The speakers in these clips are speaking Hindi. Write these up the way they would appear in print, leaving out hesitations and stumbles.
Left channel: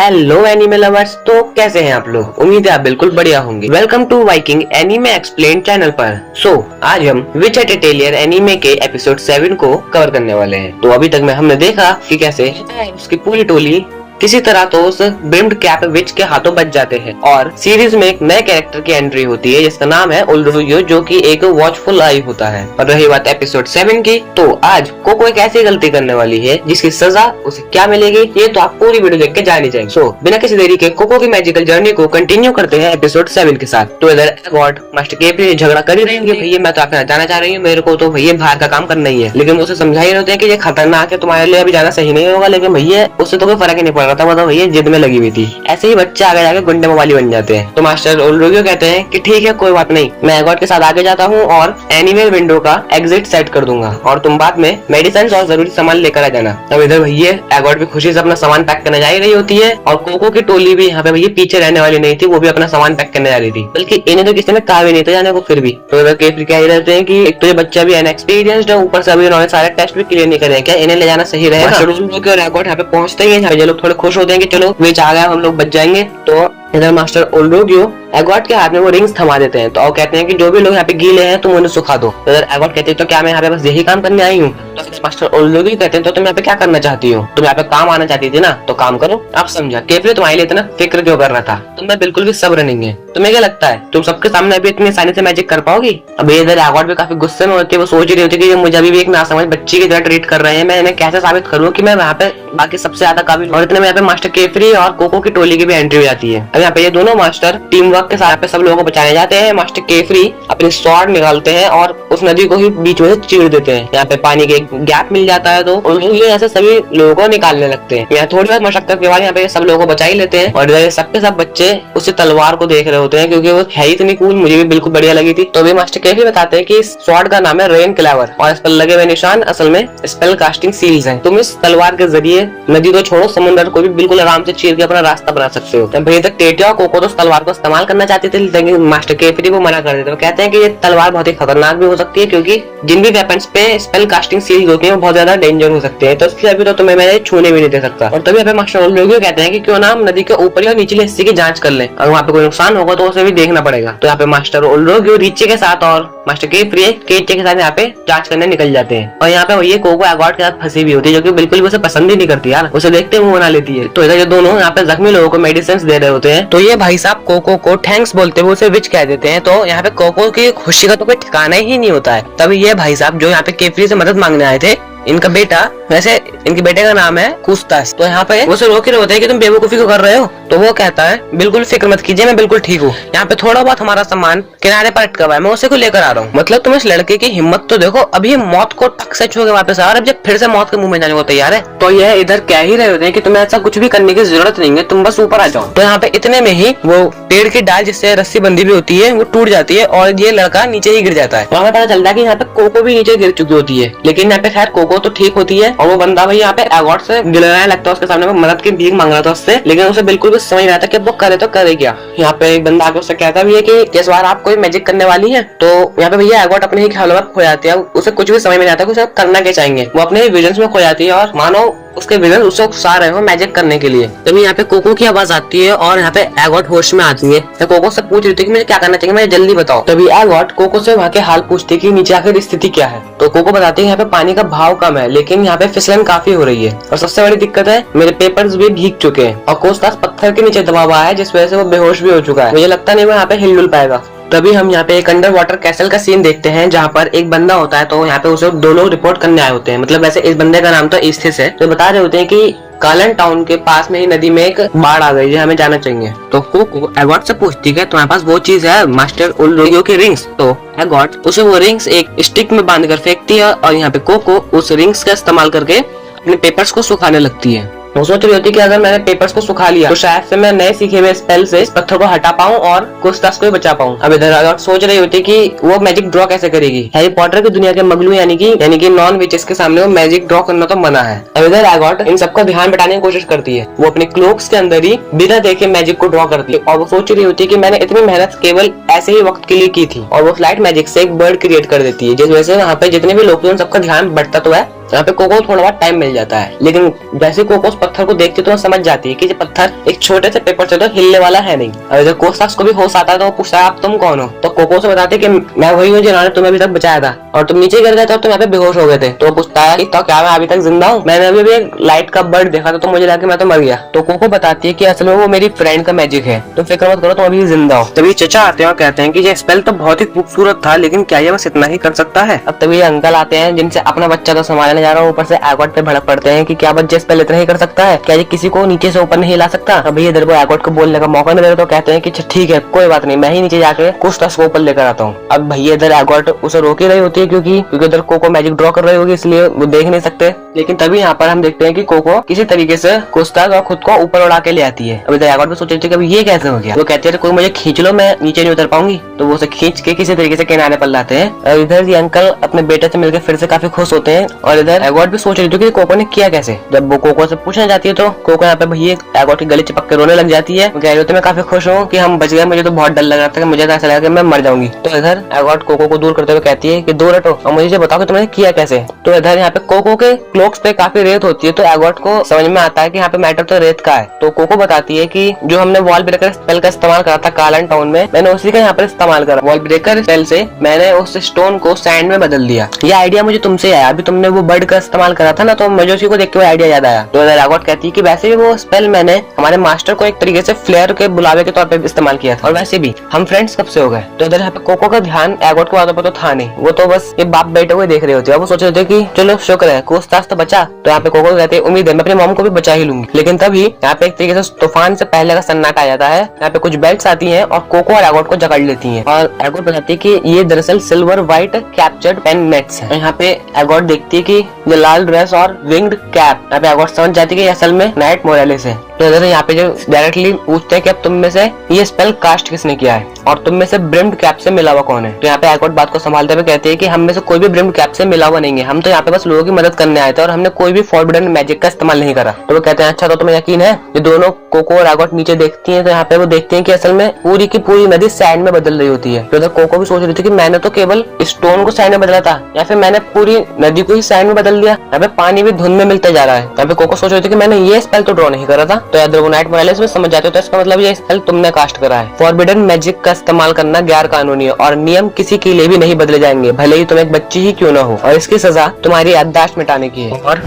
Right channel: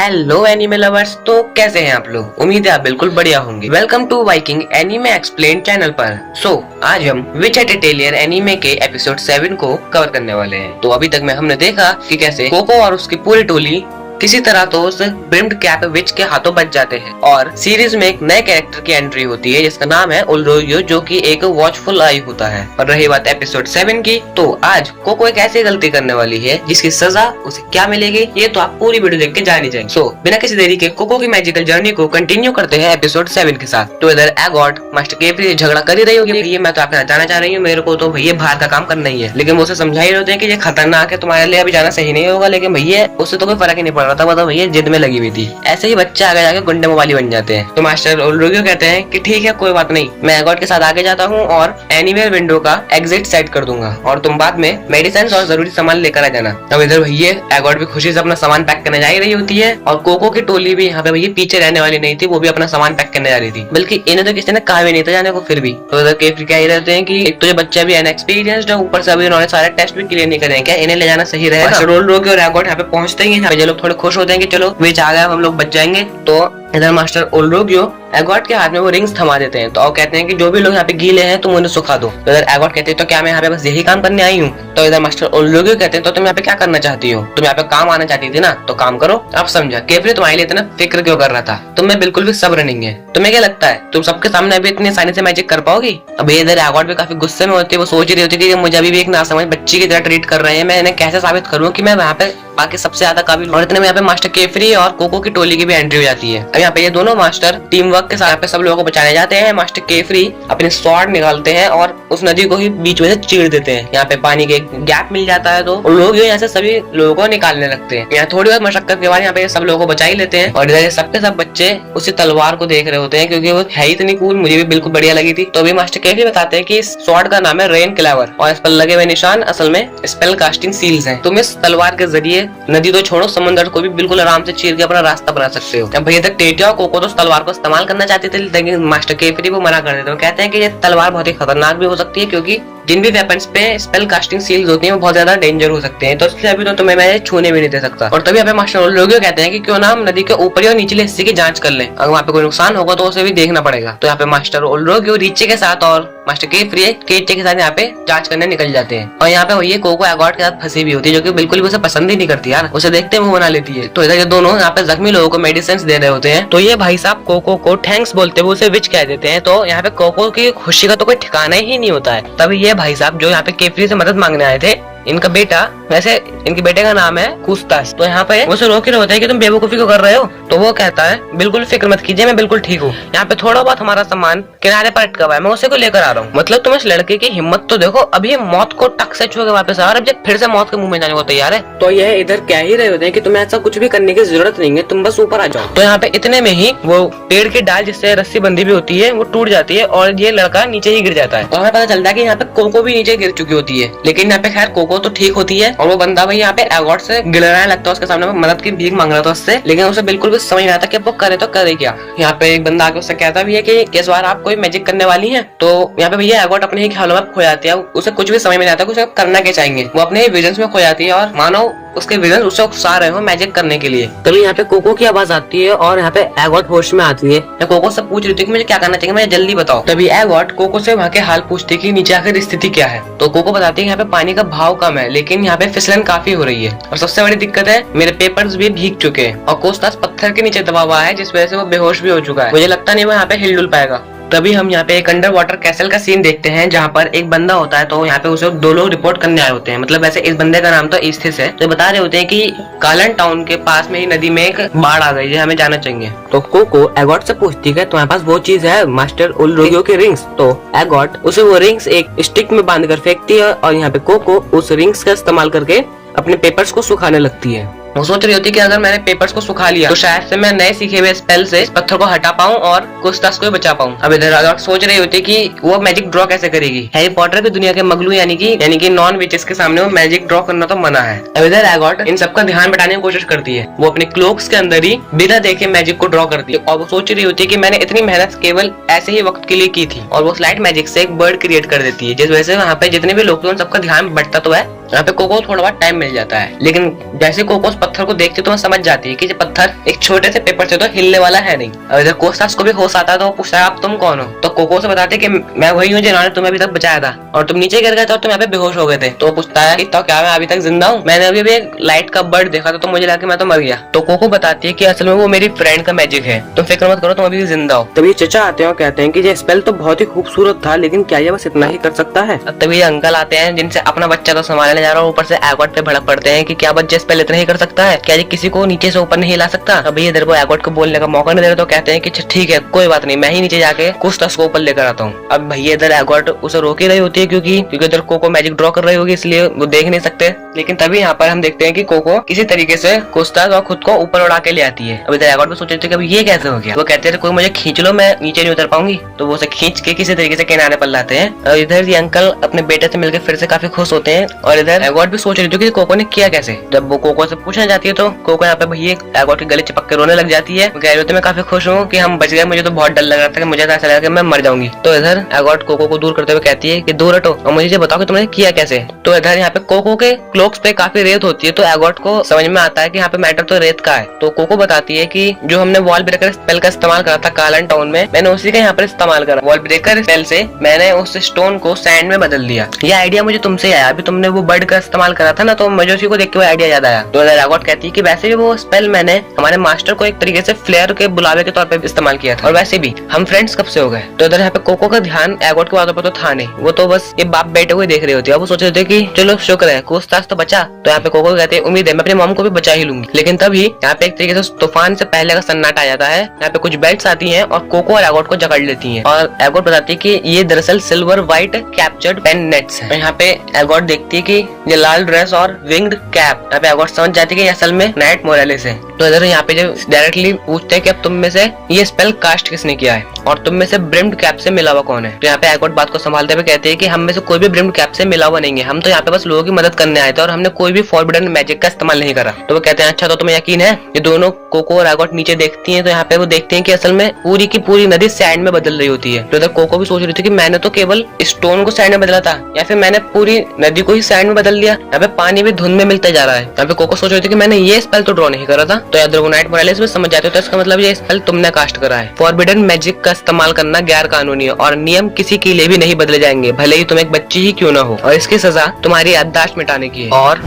Hello anime lovers. तो कैसे हैं आप लोग? उम्मीद है आप बिल्कुल बढ़िया होंगे। Welcome to Viking anime explain channel पर। आज हम विच एटेलियर एनिमे के एपिसोड 7 को कवर करने वाले हैं। तो अभी तक में हमने देखा कि कैसे कोको और उसकी पूरी टोली किसी तरह तो उस ब्रिम्ड कैप विच के हाथों बच जाते हैं और सीरीज में एक नए कैरेक्टर की एंट्री होती है जिसका नाम है उलरोगियो, जो कि एक वॉचफुल आई होता है। और रही बात एपिसोड 7 की, तो आज कोको एक ऐसी गलती करने वाली है जिसकी सजा उसे क्या मिलेगी ये तो आप पूरी वीडियो देख के जान ही जाएंगे। बिना किसी देरी के कोको की मैजिकल जर्नी को कंटिन्यू करते हैं एपिसोड 7 के साथ। तो इधर एगॉट मास्टर केपी से झगड़ा कर ही रही होगी, भैया मैं तो आपके साथ जाना चाह रही हूँ, मेरे को तो भैया बाहर का काम करना ही है। लेकिन वो उसे समझा ही होते हैं कि ये खतरनाक है, तुम्हारे लिए अभी जाना सही नहीं होगा। लेकिन भैया उससे तो कोई फर्क ही नहीं पड़ रहा था, मतलब भैया जिद में लगी हुई थी। ऐसे ही बच्चे आगे जाके गुंडे मवाली बन जाते हैं। तो मास्टर उलरोगियो कहते हैं कि ठीक है कोई बात नहीं, मैं एगॉट के साथ आगे जाता हूँ और एनीवे विंडो का एग्जिट सेट कर दूंगा और तुम बाद में मेडिसिन और जरूरी सामान लेकर आ जाना। तब इधर भैया एगॉट भी खुशी से अपना सामान पैक करने जा ही रही होती है और कोको की टोली भी यहाँ पे भैया पीछे रहने वाली नहीं थी, वो भी अपना सामान पैक करने जा रही थी। बल्कि इन्हें तो किसी ने कहा भी नहीं था जाने को, फिर भी तो इधर केपी कह रहते हैं कि एक तो ये बच्चा भी इनएक्सपीरियंस्ड है, ऊपर से अभी उन्होंने सारे टेस्ट भी क्लियर नहीं करे, क्या इन्हें ले जाना सही रहेगा? मास्टर उलरोगियो और एगॉट यहाँ पे पहुंचते ही हैं, लोग थोड़े खुश होते हैं कि चलो विच आ गया, हम लोग बच जाएंगे। तो इधर मास्टर उलरोगियो एगॉट के हाथ में वो रिंग्स थमा देते हैं। तो वो कहते हैं कि जो भी लोग यहाँ पे गीले हैं तुम उन्हें सुखा दो। तो इधर एगॉट कहते हैं तो क्या मैं यहाँ पे बस यही काम करने आई हूँ? तो इधर मास्टर उलरोगियो कहते हैं तो तुम यहाँ पे क्या करना चाहती हो? तुम यहाँ पे काम आना चाहती थी ना, तो काम करो। आप समझा केपी तुम्हारे लिए इतना फिक्र क्यों कर रहा था? तुम में बिल्कुल भी सब्र नहीं है। तुम्हें क्या लगता है तुम सबके सामने अभी इतनी आसानी से मैजिक कर पाओगी? अब इधर एगॉट भी काफी गुस्से में होती है, वो सोच रही होती है कि मुझे अभी भी एक नासमझ बच्ची की तरह ट्रीट कर रहे हैं, मैं इन्हें कैसे साबित करूँ कि मैं वहाँ पे बाकी सबसे ज्यादा काबिल। और इतने में यहाँ पे मास्टर केपी और कोको की टोली की भी एंट्री हो जाती है। यहाँ पे ये दोनों मास्टर टीम वर्क के साथ सब लोगों को बचाने जाते हैं। मास्टर केफरी अपने स्वॉर्ड निकालते हैं और उस नदी को ही बीच में से चीर देते हैं। यहाँ पे पानी के गैप मिल जाता है तो उन लोग यहाँ से सभी लोगों को निकालने लगते हैं। यहाँ थोड़ी बहुत मशक्कत के बाद यहाँ पे सब लोगों को बचा ही लेते हैं और इधर सबके सब बच्चे उसी तलवार को देख रहे होते हैं क्योंकि वो है इतनी कूल, मुझे भी बिल्कुल बढ़िया लगी थी। तो अभी मास्टर केफरी बताते हैं कि इस स्वॉर्ड का नाम है रेन क्लेवर और इस पर लगे हुए निशान असल में स्पेल कास्टिंग सील्स हैं। तुम इस तलवार के जरिए नदी तो छोड़ो समुद्र को भी बिल्कुल आराम से चीर के अपना रास्ता बना सकते हो। जब भैया टेटिया कोको तो तलवार को इस्तेमाल करना चाहते थे लेकिन मास्टर केफरी वो मना कर देते हैं। कहते हैं कि ये तलवार बहुत ही खतरनाक भी हो सकती है क्योंकि जिन भी वेपन्स पे स्पेल कास्टिंग सील्स होती हैं वो बहुत ज्यादा डेंजर हो सकते हैं, तो इसलिए अभी तो तुम्हें मैं छूने भी नहीं दे सकता। और तभी यहाँ पे मास्टर उलरोगियो कहते हैं कि क्यों ना हम नदी के ऊपरी और निचले हिस्से की जांच कर लें, अगर वहाँ पे कोई नुकसान होगा तो उसे भी देखना पड़ेगा। तो यहाँ पे मास्टर उलरोगियो रीचे के साथ और मास्टर केफरी केचे के साथ यहाँ पे जांच करने निकल जाते हैं। और यहाँ पे वही कोको एगॉट के साथ फंसी भी होती है जो कि बिल्कुल भी उसे पसंद ही नहीं करती यार, उसे देखते मुंह बना लेती है। तो इधर ये दोनों यहाँ पे जख्मी लोगों को मेडिसिन दे रहे होते हैं तो ये भाई साहब कोको को थैंक्स बोलते हुए उसे विच कह देते हैं। तो यहाँ पे कोको की खुशी का तो कोई ठिकाना ही नहीं होता है। तभी ये भाई साहब जो यहाँ पे केफरी से मदद मांगने आए थे, इनका बेटा, वैसे इनके बेटे का नाम है कुस्तास, तो यहाँ पे उसे रोक रहे होते हैं कि तुम बेवकूफी क्यों कर रहे हो? तो वो कहता है बिल्कुल फिक्र मत कीजिए, मैं बिल्कुल ठीक हूँ। यहाँ पे थोड़ा बहुत हमारा सामान किनारे पर अटका हुआ है, मैं उसे को लेकर आ रहा हूँ। मतलब तुम इस लड़के की हिम्मत तो देखो, अभी मौत को टक से छू के वापस आ रहा है, जब फिर से मौत के मुंह में जाने को तैयार है। तो यह इधर कह ही रहे होते हैं कि तुम्हें ऐसा कुछ भी करने की जरूरत नहीं है, तुम बस ऊपर आ जाओ। तो यहाँ पे इतने में ही वो पेड़ की डाल जिससे रस्सी बंधी भी होती है वो टूट जाती है और ये लड़का नीचे ही गिर जाता है। तो हमें पता चलता है कि यहाँ पे कोको भी नीचे गिर चुकी होती है, लेकिन यहाँ पे खैर कोको तो ठीक होती है और वो बंदा भाई यहाँ पे एगॉट से गिड़ने लगता है, उसके सामने मदद की भीख मांग रहा था उससे, लेकिन उसे बिल्कुल भी समझ रहा था कि वो करे तो करे क्या। यहाँ पे एक बंदा आके उससे कहता भी है कि इस बार आप कोई मैजिक करने वाली हैं? तो यहाँ पे भैया एगॉट अपने ही ख्यालों में खो जाती है, उसे कुछ भी समझ में नहीं आता कि उसे करना क्या चाहेंगे। वो अपने विजन्स में खो जाती है और मानो उसके विजन उससे उकसा रहे हो मैजिक करने के लिए। तभी यहाँ पे कोको की आवाज आती है और यहाँ पे एगॉट होश में आती है। तो कोको से पूछ रही थी कि मुझे क्या करना चाहिए, मुझे जल्दी बताओ। तभी एगॉट कोको से वहाँ के हाल पूछती है कि नीचे आकर स्थिति क्या है। तो कोको बताती है यहाँ पे पानी का भाव कम है लेकिन यहाँ पे फिसलन काफी हो रही है और सबसे बड़ी दिक्कत है मेरे पेपर्स भी भीग चुके हैं और कोस्तास पत्थर के नीचे दबा हुआ है जिस वजह से वो बेहोश भी हो चुका है, मुझे लगता नहीं वो यहाँ पे हिल पाएगा। तभी हम यहाँ पे एक अंडर वाटर कैसल का सीन देखते हैं जहाँ पर एक बंदा होता है, तो यहाँ पे उसे दो लोग रिपोर्ट करने आए होते हैं। मतलब वैसे इस बंदे का नाम तो ईस्थिस है, तो बता रहे होते हैं कि कालन टाउन के पास में ही नदी में एक बाढ़ आ गई है, हमें जाना चाहिए। तो कोको एगॉट से पूछती है तुम्हारे पास वो चीज है मास्टर उलरोगियो की रिंग्स? तो एगॉट उसे वो रिंग्स एक स्टिक में बांध कर फेंकती है और यहाँ पे कोको उस रिंग्स का इस्तेमाल करके अपने पेपर्स को सुखाने लगती है। वो सोच रही होती है कि अगर मैंने पेपर्स को सुखा लिया तो शायद से मैं नए सीखे हुए स्पेल से इस पत्थर को हटा पाऊं और कुस्तास को बचा पाऊं। अब इधर एगॉट सोच रही होती है कि वो मैजिक ड्रॉ कैसे करेगी। हैरी पॉटर की दुनिया के मगलू यानी कि नॉन विचेस के सामने वो मैजिक ड्रॉ करना तो मना है। अब इधर एगॉट इन सबका ध्यान बटाने की कोशिश करती है, वो अपने क्लोक्स के अंदर ही बिना देखे मैजिक को ड्रॉ करती है और वो सोच रही होती है कि मैंने इतनी मेहनत केवल ऐसे ही वक्त के लिए की थी। और वो स्लाइट मैजिक से एक बर्ड क्रिएट कर देती है जिस वजह से वहाँ पे जितने भी लोग थे उन सबका ध्यान बढ़ता तो है यहाँ पे कोको थोड़ा बहुत टाइम मिल जाता है, लेकिन जैसे कोको उस पत्थर को देखती है तो वो समझ जाती है कि ये पत्थर एक छोटे से पेपर से तो हिलने वाला है नहीं। और जब कोस्टास को भी होश आता है तो वो पूछता है आप तुम कौन हो, तो कोको से बताते कि मैं वही हूँ जिन्होंने तुम्हें अभी तक बचाया था और तुम नीचे गिर गए थे और तुम यहाँ पे बेहोश हो गए थे। तो पूछता है तो क्या मैं अभी तक जिंदा हूँ, मैंने अभी भी एक लाइट का बर्ड देखा था तो मुझे लगा मैं तो मर गया। तो कोको बताती है कि असल में वो मेरी फ्रेंड का मैजिक है, तुम फिक्र मत करो, तुम अभी जिंदा हो। तभी चचा आते हैं और कहते हैं कि ये स्पेल तो बहुत ही खूबसूरत था, लेकिन क्या ये बस इतना ही कर सकता है। अब तभी अंकल आते हैं जिनसे अपना बच्चा तो संभालने जा रहा है, ऊपर से एगॉट पे भड़क पड़ते हैं कि क्या बच्चा स्पेल इतना ही कर सकता है, क्या ये किसी को नीचे से ऊपर नहीं ला सकता। अब भैया इधर वो एगॉट को बोलने का मौका नहीं दे रहे तो कहते हैं कि ठीक है कोई बात नहीं, मैं ही नीचे जाके कोस्टास को ऊपर लेकर आता हूँ। अब भैया इधर एगॉट उसे रोक ही रही होती है क्योंकि उधर कोको मैजिक ड्रॉ कर रही होगी, इसलिए वो देख नहीं सकते। लेकिन तभी यहाँ पर हम देखते हैं कि कोको किसी तरीके से कोस्टास और खुद को ऊपर उड़ा के ले आती है। अब इधर एगॉट भी सोच रहे थे कि अब ये कैसे हो गया, वो कहते हैं कोई मुझे खींच लो, मैं नीचे नहीं उतर पाऊंगी। तो वो उसे खींच के किसी तरीके से किनारे पर लाते हैं और इधर ये अंकल अपने बेटे से मिलकर फिर से काफी खुश होते हैं। और इधर एगॉट भी सोच रही थी कि कोको ने किया कैसे। जब वो कोको से पूछना चाहती है तो कोको यहाँ पे भैया एगॉट के गले चिपक के रोने लग जाती है, कह रही थी मैं काफी खुश हूँ कि हम बच गए, मुझे तो बहुत डर लग रहा था कि मुझे ऐसा लगा कि मैं मर जाऊंगी। तो इधर एगॉट कोको को दूर करते हुए कहती है कि दूर हटो और मुझे बताओ कि तुमने किया कैसे। तो इधर यहाँ पे कोको के क्लोक्स पे काफी रेत होती है तो एगॉट को समझ में आता है कि यहाँ पे मैटर तो रेत का है। तो कोको बताती है कि जो हमने वॉल ब्रेकर स्पेल का इस्तेमाल करा था कार्लन टाउन में, मैंने उसी का यहाँ पर इस्तेमाल करा। वॉल ब्रेकर स्पेल से मैंने उस स्टोन को सैंड में बदल दिया। ये आइडिया मुझे तुमसे आया, अभी तुमने वो बर्ड का इस्तेमाल करा था ना, तो मुझे उसी को देख के वो आइडिया याद आया। तो एगॉट कहती है कि वैसे भी वो स्पेल मैंने हमारे मास्टर को एक तरीके से फ्लेयर के बुलावे के तौर पे इस्तेमाल किया था और वैसे भी हम फ्रेंड्स कब से हो गए। तो इधर यहाँ पे कोको का ध्यान एगॉट को बातों पर तो था नहीं, वो तो बस ये बाप बेटे को देख रहे होते हैं। वो सोच रहे थे कि चलो शुक्र है कोस्टास तो बचा। तो यहाँ पे कोको कहते हैं उम्मीद है मैं अपनी मॉम को भी बचा ही लूंगी। लेकिन तभी यहाँ पे एक तरीके से तूफान से पहले का सन्नाटा आ जाता है। यहाँ पे कुछ बेल्ट्स आती हैं और कोको और एगॉट को जकड़ लेती हैं और एगॉट बताती है कि ये दरअसल silver white captured pen nets हैं। यहाँ पे एगॉट देखती है कि ये लाल ड्रेस और विंग्ड कैप, यहाँ पे एगॉट समझ जाती है कि असल में नाइट मोरालेस है। तो इधर यहाँ पे जो डायरेक्टली पूछते हैं कि अब तुम में से ये स्पेल कास्ट किसने किया है और तुम में से ब्रिम्ड कैप से मिला हुआ कौन है। तो यहाँ पे एगॉट बात को संभालते हुए कहते हैं कि हम में से कोई भी ब्रिम्ड कैप से मिला हुआ नहीं है, हम तो यहाँ पे बस लोगों की मदद करने आए थे और हमने कोई भी फॉरबिडन मैजिक का इस्तेमाल नहीं करा। तो वो कहते हैं अच्छा तो तुम्हें यकीन है। ये दोनों कोको और एगॉट नीचे देखती हैं तो यहाँ पे वो देखते हैं कि असल में पूरी की पूरी नदी सैंड में बदल रही होती है। तो इधर कोको भी सोच रही थी कि मैंने तो केवल स्टोन को सैंड में बदला था या फिर मैंने पूरी नदी को ही सैंड में बदल दिया। यहाँ पे पानी भी धुंध में मिलता जा रहा है। यहाँ पे कोको सोच रही थी कि मैंने ये स्पेल तो ड्रॉ नहीं करा था। तो याद रखो नाइट मोरालेस में समझ जाते हो तो इसका मतलब ये स्पेल तुमने कास्ट करा है। फॉरबिडन मैजिक का इस्तेमाल करना गैर कानूनी है और नियम किसी के लिए भी नहीं बदले जाएंगे, भले ही तुम एक बच्ची ही क्यों ना हो, और इसकी सजा तुम्हारी याददाश्त मिटाने की है। और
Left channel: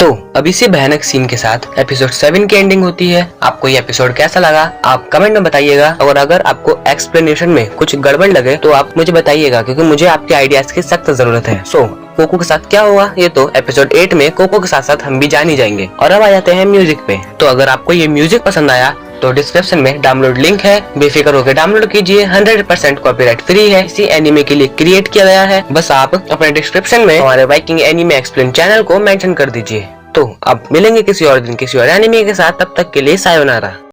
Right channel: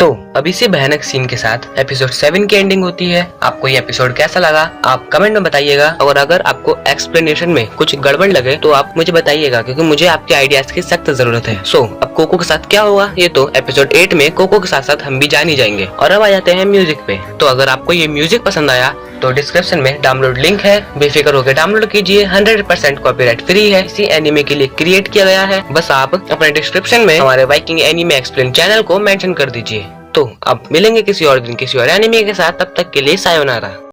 तो अब इसी भयानक सीन के साथ एपिसोड 7 की एंडिंग होती है। आपको ये एपिसोड कैसा लगा आप कमेंट में बताइएगा और अगर आपको एक्सप्लेनेशन में कुछ गड़बड़ लगे तो आप मुझे बताइएगा क्योंकि मुझे आपके आइडियाज की सख्त जरूरत है। सो अब कोको के साथ क्या हुआ ये तो एपिसोड 8 में कोको के साथ साथ हम भी जान ही जाएंगे। और अब आ जाते हैं म्यूजिक पे। तो अगर आपको ये म्यूजिक पसंद आया तो डिस्क्रिप्शन में डाउनलोड लिंक है, बेफिक्र होकर डाउनलोड कीजिए। 100% कॉपीराइट फ्री है, इसी एनीमे के लिए क्रिएट किया गया है। बस आप अपने डिस्क्रिप्शन में हमारे वाइकिंग एनीमे एक्सप्लेन चैनल को मेंशन कर दीजिए। तो अब मिलेंगे किसी और दिन किसी और एनीमे के साथ, तब तक के लिए सायोनारा।